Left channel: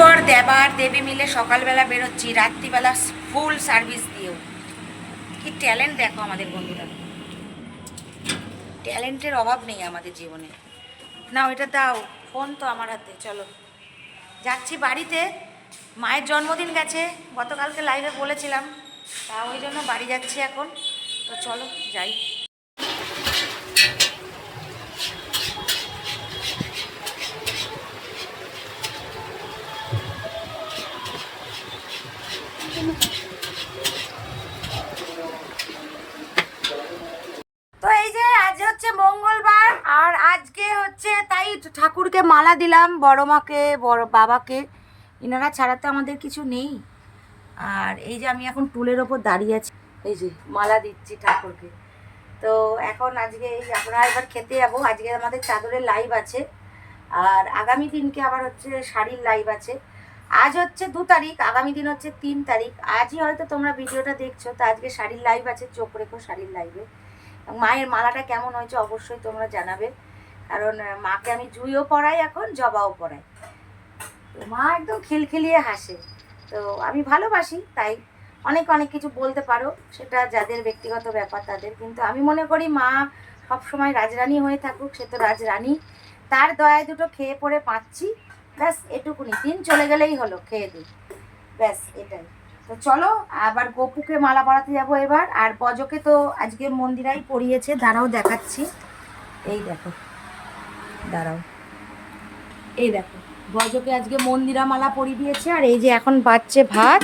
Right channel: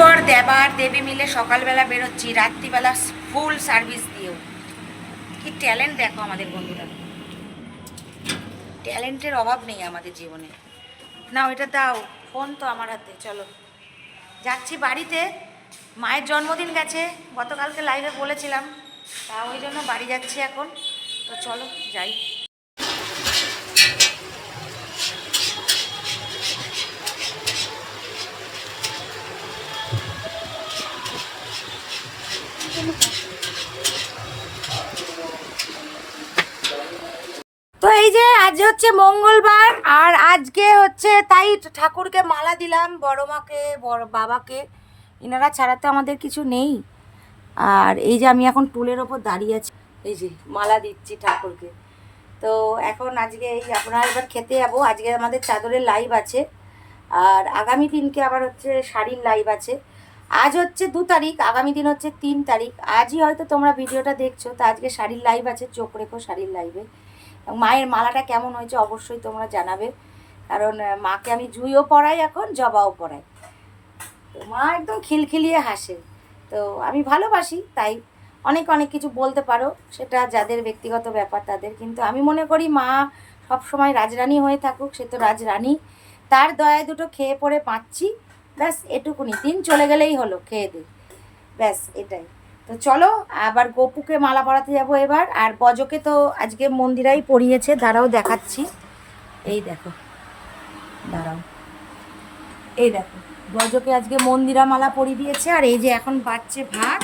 বর দেবার দেবী মিলে সকালবেলা বেরোচ্ছি, রাত্রিবেলা ফুল সার্ভিস দিয়েও কি ট্যালেন্ট দেখো আমাদের বন্ধুরা। ট্যালেন্টের অভাব নেই আমাদের জীবনে। না ওইটা দাও ফোন তো আমার হাতে, চলো। যাচ্ছি বাড়িতে, মায়ের জন্মদিন গেছে, গতকালকে লাইভে বলেছিলাম, তা ওই জন্য বাড়ি যাচ্ছি এখন। তো চলো, যাই তো এই যে আজ হচ্ছে মঙ্গলবার আর আজকে হচ্ছে তাই ঠাকুরকে মালা দিলাম, বড় মাকে, বড় বাবাকে। এনারা ছাড়া তো আমাদের কিছু নেই। আর এই যে আমি এখন টুলের ওপর দাঁড়িয়ে আছি, এই যে মালা দিচ্ছি ঠাকুরকে। তো এখন আজকে এই আপনারা এবার খেতে যাব। আজকে আমাদের চাদরের লাইভ আছে। আর আগামী দিনকে আবার হচ্ছে শাড়ির লাইভ আছে। আজ হচ্ছে দু তারিখ, আগামী দিন হচ্ছে তিন তারিখ। আজই হয়তো তোমরা ভিডিওটা দেখছ, তো আজকে শাড়ির লাইভ আছে, চোখ রেখো শাড়ির লাইভে। মায়ের মালাটা কেমন হয়েছে অবশ্যই তোমরা জানাবে। কারণ মাকে আমি জুইও পড়াই এখন, জবাও পড়াই তো মা একদম খিলখিলিয়ে হাসে। তো আমি ভালোবাসি, তাই অনেক অনেক কিছু বলতে পারো। সেটা যাদের ব্যক্তিগত ব্যাপার, তাদের। কিন্তু আমি মনে করি মা সব সময় রাজরানী হয়ে থাকুক, সে তো রাজরানী। তার দয়ায় দুটো খেয়ে পড়ে পাচ্ছি। ব্যাস, এটুকুনি। দিন চলে গেলেই হলো, খেয়ে দিই ব্যাস, এটাই। তো চলো, আবার গোপুকে মালা পরাতে যাব এবার। আর বজকে তো আজকে মন্দিরাই পরিয়েছে, দাঁড়াও দেখাচ্ছি। এই দেখো, দাঁড়াও। এই দেখো, বজকে আজকে মন্দিরা মালা পরিয়ে দিয়েছে, আর এই যে এখন বাচ্চে ভাত।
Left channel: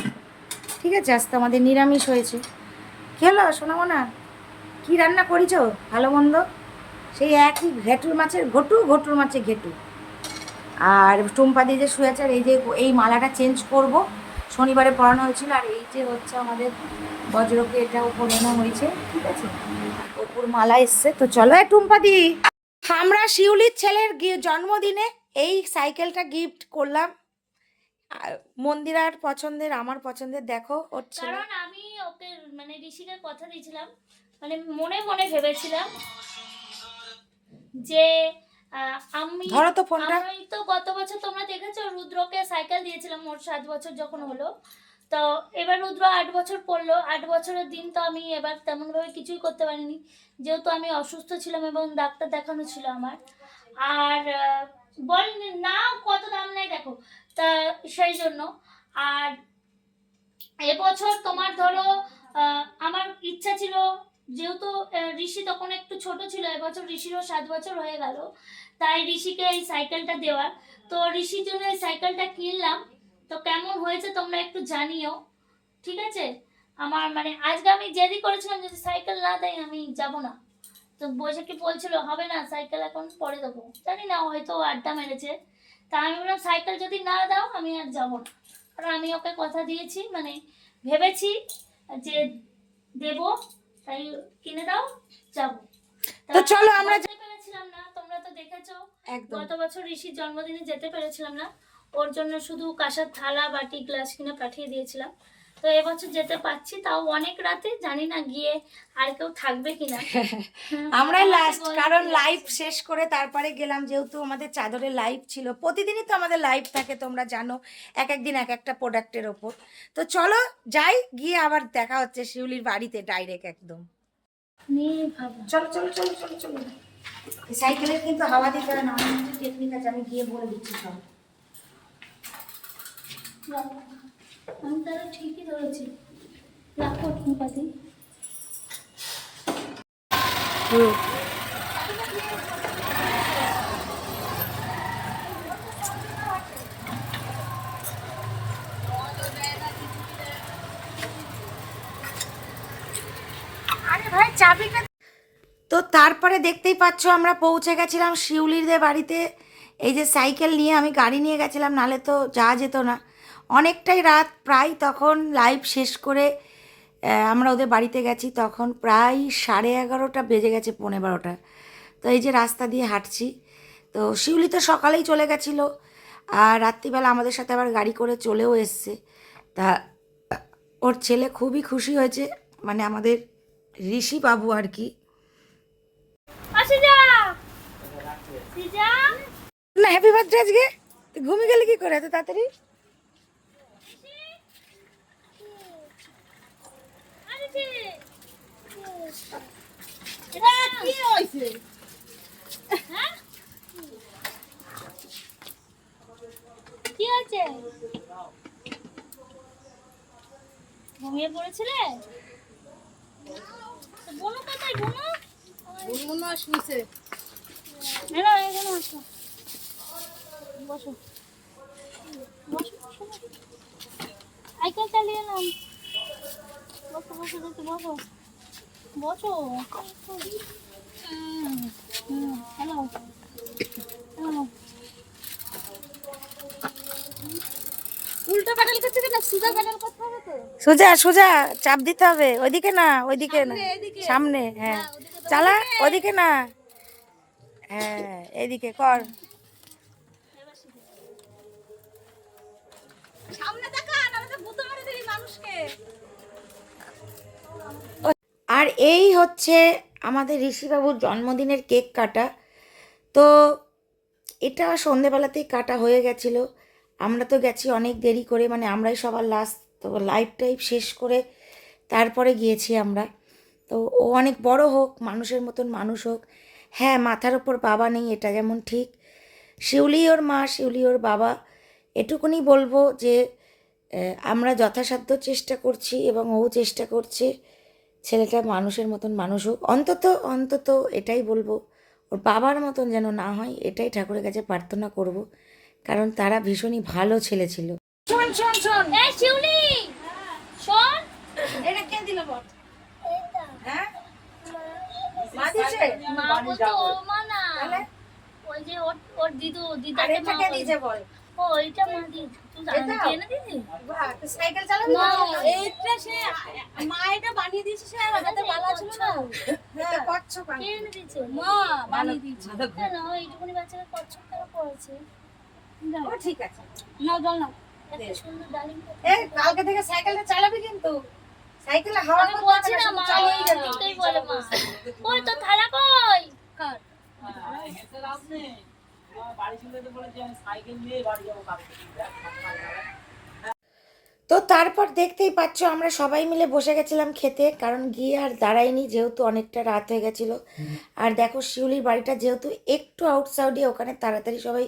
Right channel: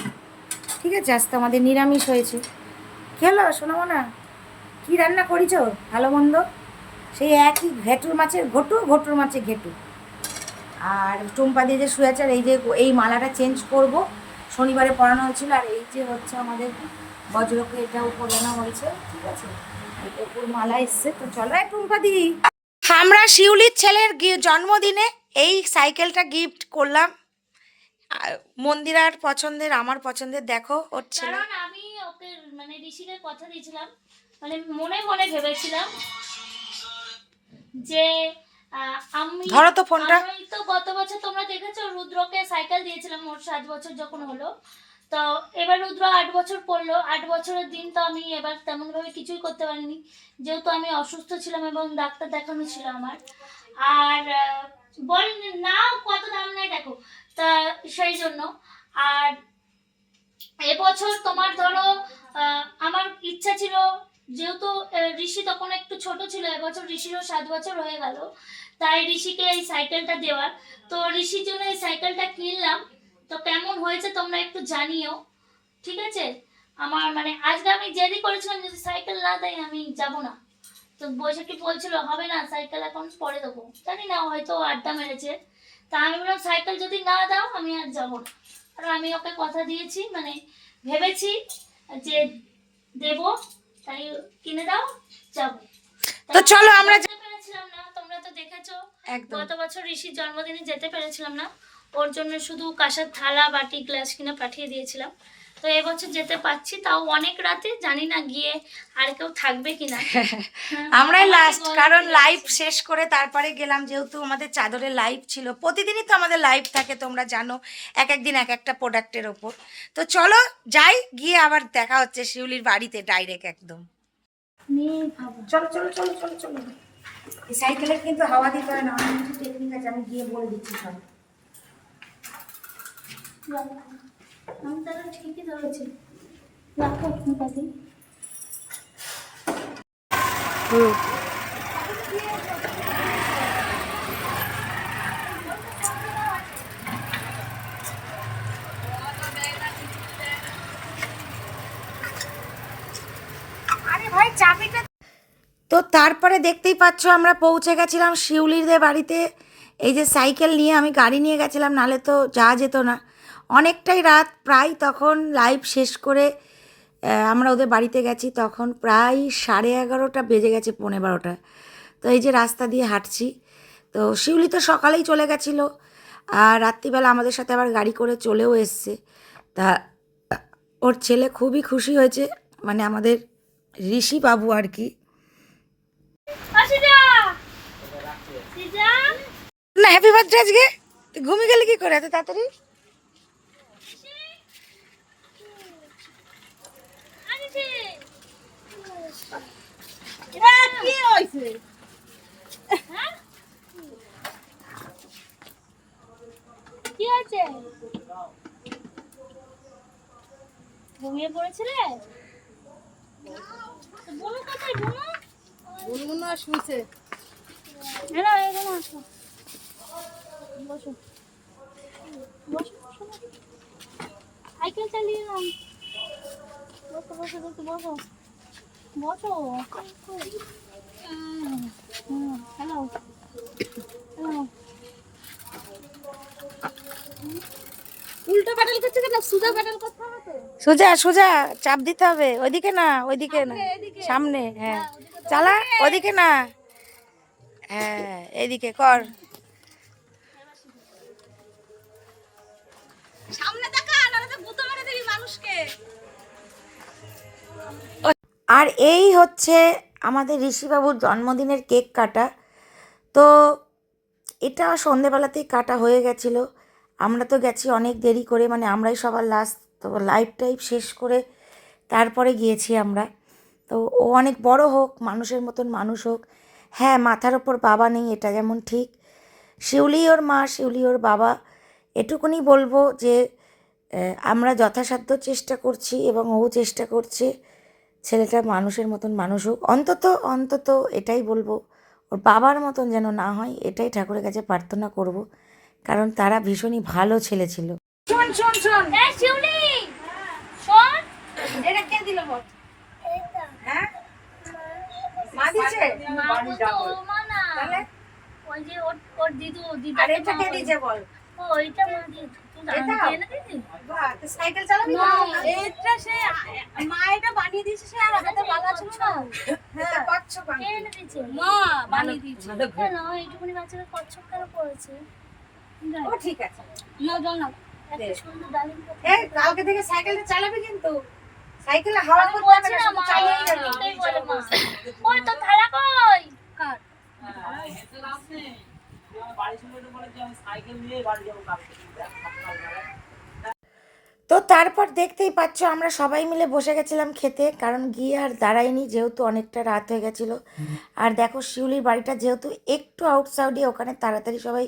ঠিক আছে আজকে আমাদের নিরামিষ হয়েছে। খেলো শোনাবো না কী রান্না করিছো? ভালো মন্দ? সেই একই ঘেটুর মাছের, ঘটু ঘটুর মাছের ঘেটু। আর টুম্পা দিয়ে যে শুয়েছে আর এই যে এই মালাটা চেঞ্জ করব। শনিবারে পড়ানো হয়েছিল আর এই যে হচ্ছে আমাদের বজ্রকে এটা এটাও পড়ানো হয়েছে ঠিক আছে? ওপর মালা এসছে তো চলো। এ টুম্পা দি! আমরা শিউলির ছেলের গি- জন্মদিনে এই সাইকেলটা গিফট করলাম। মন্দির আর মন্দিরার পছন্দের আমার পছন্দের দেখো ওর ছেলে। কারণ আমি ওকে মানে ঋষিকে কথা দিয়েছিলাম মানে মনে মনে ভেবেছিলাম যে আমি ধরো তো ফোনটা। আমি তো গত বছর রুদ্রকে সাইকেল দিয়েছিলাম ওর সাত বছর যখন হলো। তো এবার রুদ্র আট বছর পড়ল। আট বছরের দিন তো আমি এবার তেমনভাবে কিছুই করতে পারিনি। যেহেতু আমি অসুস্থ ছিলাম এবং ডাক্তার দেখানো ছিল আমার। আর বল না কত দাম নেই দেখো। তা সেই জন্য। আর এবছর তোমার ধরো আমার ইচ্ছা ছিল যেহেতু ঋষি তখন একটু ছোট ছিল, এবছর ঋষিরও সাত বছর হয়ে গেল। তাই ঋষিকে এই সাইকেলটা দেওয়ার। তো ঋষির জন্য এই সাইকেলটা কিনলাম। তো কেমন হয়েছে তোমরা একটু জানিও, ঠিক আছে? আমার মানে আজকে আমি জেদি করেছিলাম, যদি সাইকেল না দেয়, আমি যাব না। তো বৈশাখী বলছিল, হবে না সাইকেল এখন পরে দেবো। জানি না, হয়তো আড্ডা মেরেছে। তা আমি বললাম সাইকেল যদি না দাও, আমি আর যাব না। কারণ আমি ওকে কথা দিয়েছি মানে ভেবেছি যে দেব। তাই কিনে দাও যাব। তো চলো আমরা যেতে পেরেছিলাম না তোমরা তো দেখেছ গত বছর ঋষির জন্মদিনে যেতে পেরেছিলাম না ওর জন্য শুধু কাঁসার থালা বাটি গ্লাস কিনে পাঠিয়ে দিয়েছিলাম। তো এবছর যেতে পারছি তাও অনেক রাতে জানি না গিয়ে আর কেউ থাকবে কিনা। হ্যাঁ, আমরাই লাস্ট কারণ লাইভ শেষ করে তারপরে গেলাম যেহেতু আমাদের চাদরের লাইভ ছিল। প্রতিদিনই তো আমাদের লাইভ থাকে তোমরা জানো এক এক দিন এক একটা প্রোডাক্টের ওপর। তো চলো যাই গিয়ে আবার দেখা হচ্ছে শিউলির বাড়িতে ডাইরেক্ট একদম। চলো চলো চলো চলো চলো। সাইকেলে কিন্তু হাওয়া দিতে হয় না অনেক কিছু টেকনিক আছে আমি গিয়ে বলে দিচ্ছি সব। আমি তাহলে ঠিকই ধরেছি। রাখো পাতি আরে ভাই তো তারপরে দেখতেই পাচ্ছ আমরা পৌঁছে গেছিলাম শিউলিদের বাড়িতে। এই যে সাইকেল নিয়ে আমি গাড়ি নিয়ে গেছিলাম নালে তো যাওয়া যেত না। অনেকটাই রাত প্রায় তখন লাইভ শেষ করে আমরা ওদের বাড়িতে গেছি তখন প্রায় সাড়ে এগারোটা বেজে গেছে পৌনে বারোটা। তো এই যে রাস্তা দিয়ে হাঁটছি তো শিউলি তো সকালেই চলে গেছিল আর রাত্রিবেলা আমাদের সাথে আবার গাড়ি করে চলেও এসছে। তা ওর ছেলে খুবই খুশি হয়েছে মানে আমাদের ঋষি বাবু আর কি। না হ্যাপি বার্থডে আজকে! তুই ঘুমিয়ে গেলে কি করে এত তাড়াতাড়ি? কি আছে ঘুমিয়ে পড়েছিলে বোনো কোথায় বোনো মনে হয় শুনছে এলো এখানে আসো বসো বসো বসো। চালিয়ে নাও বসো বসো বসো বসো বসো হুম হুম হ্যালো হ্যালো উল্টো প্যাডেল করছে কেন সুদা প্যাডেল করতে হবে তো সোজা সোজা চাপ দিতে হবে। ওইদিকে না ওইদিকে না। সামনে হ্যাঁ। চালা ওদিকে। না। হ্যাঁ এইদিকে কর। সামনে দেখা নাহলে তো গুঁতো মেরে দিবি মানুষকে। আর এই হচ্ছে আমাদের ঋষিবাবুর জন্মদিনের কেক কাটা। তো এটা সন্ধেবেলাতেই কাটা হয়ে গেছিল। আমরা তো গেছি অনেক দেরি করে মানে আমরাই সবার লাস্ট তো লাইফ টাইভ শেষ করে তারপরে গিয়েছি আমরা। তো ও অনেক বড় হোক, মানুষের মতন মানুষ হোক হ্যাঁ মাথার ওপর বাবা নেই, এটা যেমন ঠিক। শিউলি ওর মা, শিউলি ওর বাবা, এটুকুনি বলব যে আমরা যথাসাধ্য চেষ্টা করছি এবং ও চেষ্টা করছে। ছেলেটা মানুষের মতন মানুষ হোক অন্তত অন্তত এটাই বলব ওর বাবার মতন যেন না হয় এটাই ঠাকুরের কাছে প্রার্থনা করব কারণ তারা ভীষণই ভালো ছেলে ছিল। শোন শোন শোন। শোন! এটা কে দিল বল? হ্যাঁ? মা দিছে? মা বলতো মা না। তাহলে? ওই যে ওর ওর দিদু আর দিদাকে এটা কে দিছে বল? ঠিক আছে। না বল না। কালকে থেকে সাইকেলটা চালাবি কিন্তু। সাইকেলে হাওয়া আমি করতে না মা চালিয়ে যাবি এটাই বলে মা। ওই তো থালা কই? কার তো তারপর দেখতেই পাচ্ছ, আমরা সবাই মিলে বসে গেছিলাম খেতে, কারণ গিয়ে আর দাঁড়াইনি যেহেতু অনেকটা রাত হয়ে গেছিল। আর দেখো, শিউলির বাড়িটা যেহেতু একটু আউটসাইডে ওখানে তাড়াতাড়ি সবাই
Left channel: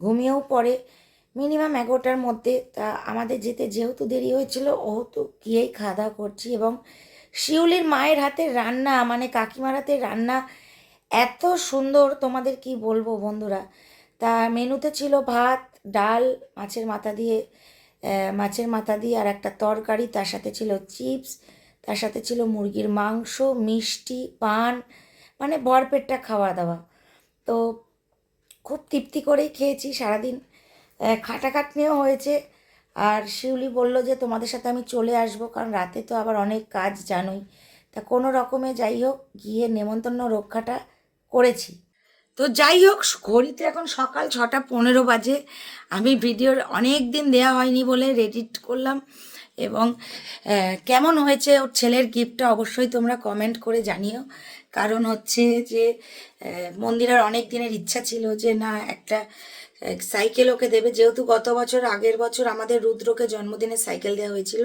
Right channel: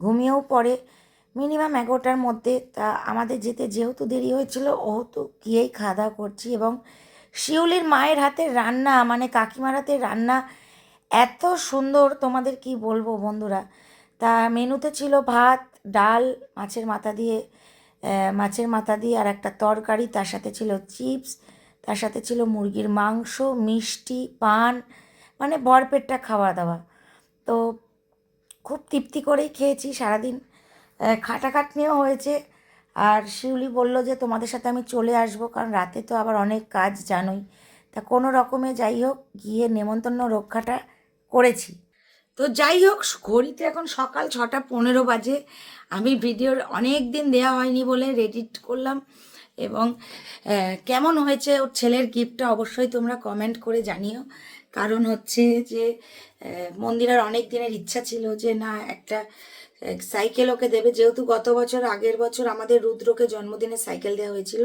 ঘুমিয়েও পড়ে। মিনিমাম এগারোটার মধ্যে, তা আমাদের যেতে যেহেতু দেরি হয়েছিল ও তো গিয়েই খাওয়া দাওয়া করছি। এবং শিউলির মায়ের হাতে রান্না মানে কাকিমার হাতে রান্না এত সুন্দর তোমাদের কি বলব বন্ধুরা? তা মেনুতে ছিল ভাত, ডাল, মাছের মাথা দিয়ে মাছের মাথা দিয়ে আর একটা তরকারি, তার সাথে ছিল চিপস, তার সাথে ছিল মুরগির মাংস, মিষ্টি, পান মানে ভরপেটটা খাওয়া দাওয়া তো খুব তৃপ্তি করেই খেয়েছি সারাদিন। খাটাখাটনিও হয়েছে। আর শিউলি বলল যে তোমাদের সাথে আমি চলে আসব, কারণ রাতে তো আবার অনেক কাজ জানোই। তা কোনো রকমে যাই হোক, গিয়ে নেমন্তন্ন রক্ষাটা করেছি। তো যাই হোক, ঘড়িতে এখন সকাল ছটা পনেরো বাজে। আমি ভিডিওর অনেক দিন দেওয়া হয়নি বলে রেডিট করলাম এবং কেমন হয়েছে ওর ছেলের গিফটটা অবশ্যই তোমরা কমেন্ট করে জানিও। কারণ হচ্ছে যে মন্দিরের অনেক দিনের ইচ্ছা ছিল যে, না, একটা সাইকেল ওকে দেবে। যেহেতু গত বছর, আগের বছর আমাদের রুদ্রকে জন্মদিনে সাইকেল দেওয়া হয়েছিল,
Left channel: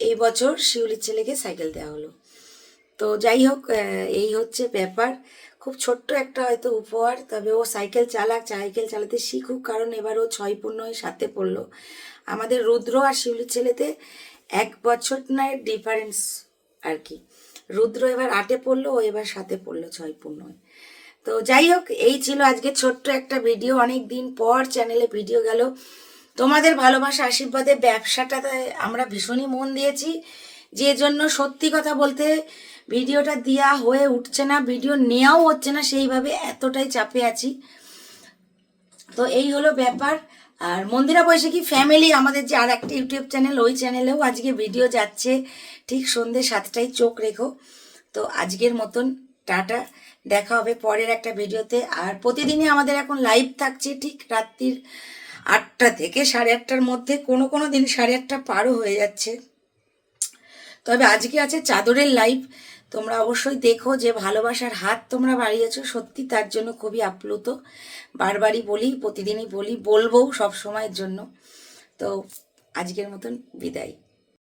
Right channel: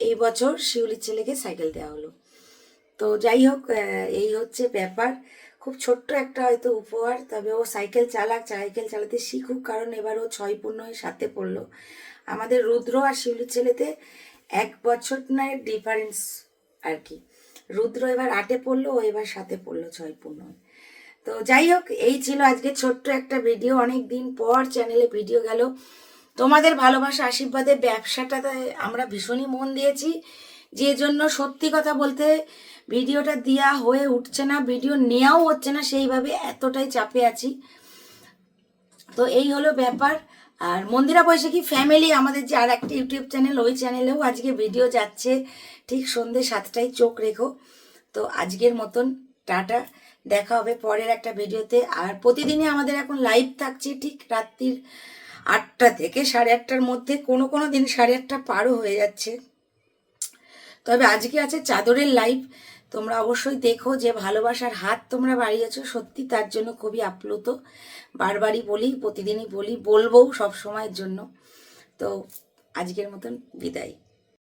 এই বছর শিউলির ছেলেকে সাইকেল দেওয়া হলো। তো যাই হোক এই হচ্ছে ব্যাপার। খুব ছোট্ট একটা হয়তো উপহার, তবে ও সাইকেল চালাক। সাইকেল চালাতে শিখুক, কারণ এবার ও ছয় পূর্ণ হয়ে সাথে পড়ল। আমাদের রুদ্র আর শিউলির ছেলেতে এক বছর নয় ডিফারেন্স আর কি। রুদ্র এবার আটে পড়ল, ও এবার সাথে পড়ল ছয় পূর্ণ তো যাই হোক, এই ছিল আজকে ছোট্ট একটা ভিডিও। অনেক দিন পর চ্যানেলে ভিডিও গেল। তোমাদের ভালোবাসা আশীর্বাদে ব্যবসাটাতে আমরা ভীষণই মন দিয়েছি। যে জন্য সত্যি কথা বলতে ভিডিওটা দেওয়া হয়ে উঠছে না, ভিডিও নেওয়াও হচ্ছে না, সেইভাবে এতটাই চাপে আছি। তো এই হলো ব্যাপার। আর মন্দিরা বৈশাখী ফ্যামিলি আমাদের যে আর একটা ইউটিউব চ্যানেল ওই চ্যানেলেও আজকে ভিডিও যাচ্ছে। ঠিক সন্ধ্যে সাতটায় চোখ রেখো। তো আজকের মতন টাটা। দেখা হবে পরের একটা ভিডিওতে। আর প্রতিদিনই আমাদের এখন লাইভ থাকছে ঠিক রাত্রির আটটা থেকে সাড়ে আটটার মধ্যে। কোনো কোনো দিন সাড়ে আটটা পারও হয়ে যাচ্ছে। তবে আজকে আছে চাদরের লাইভ তোমরা অবশ্যই দেখো যে ভালোবাসার হাত তোমরা বাড়িয়েছো। সত্যি তার জন্য খুবই আপ্লুত। বারবারই বলি, প্রতিদিনই বলি, বলব সব সময়ের জন্য। তো আজকের মতন বিদায়।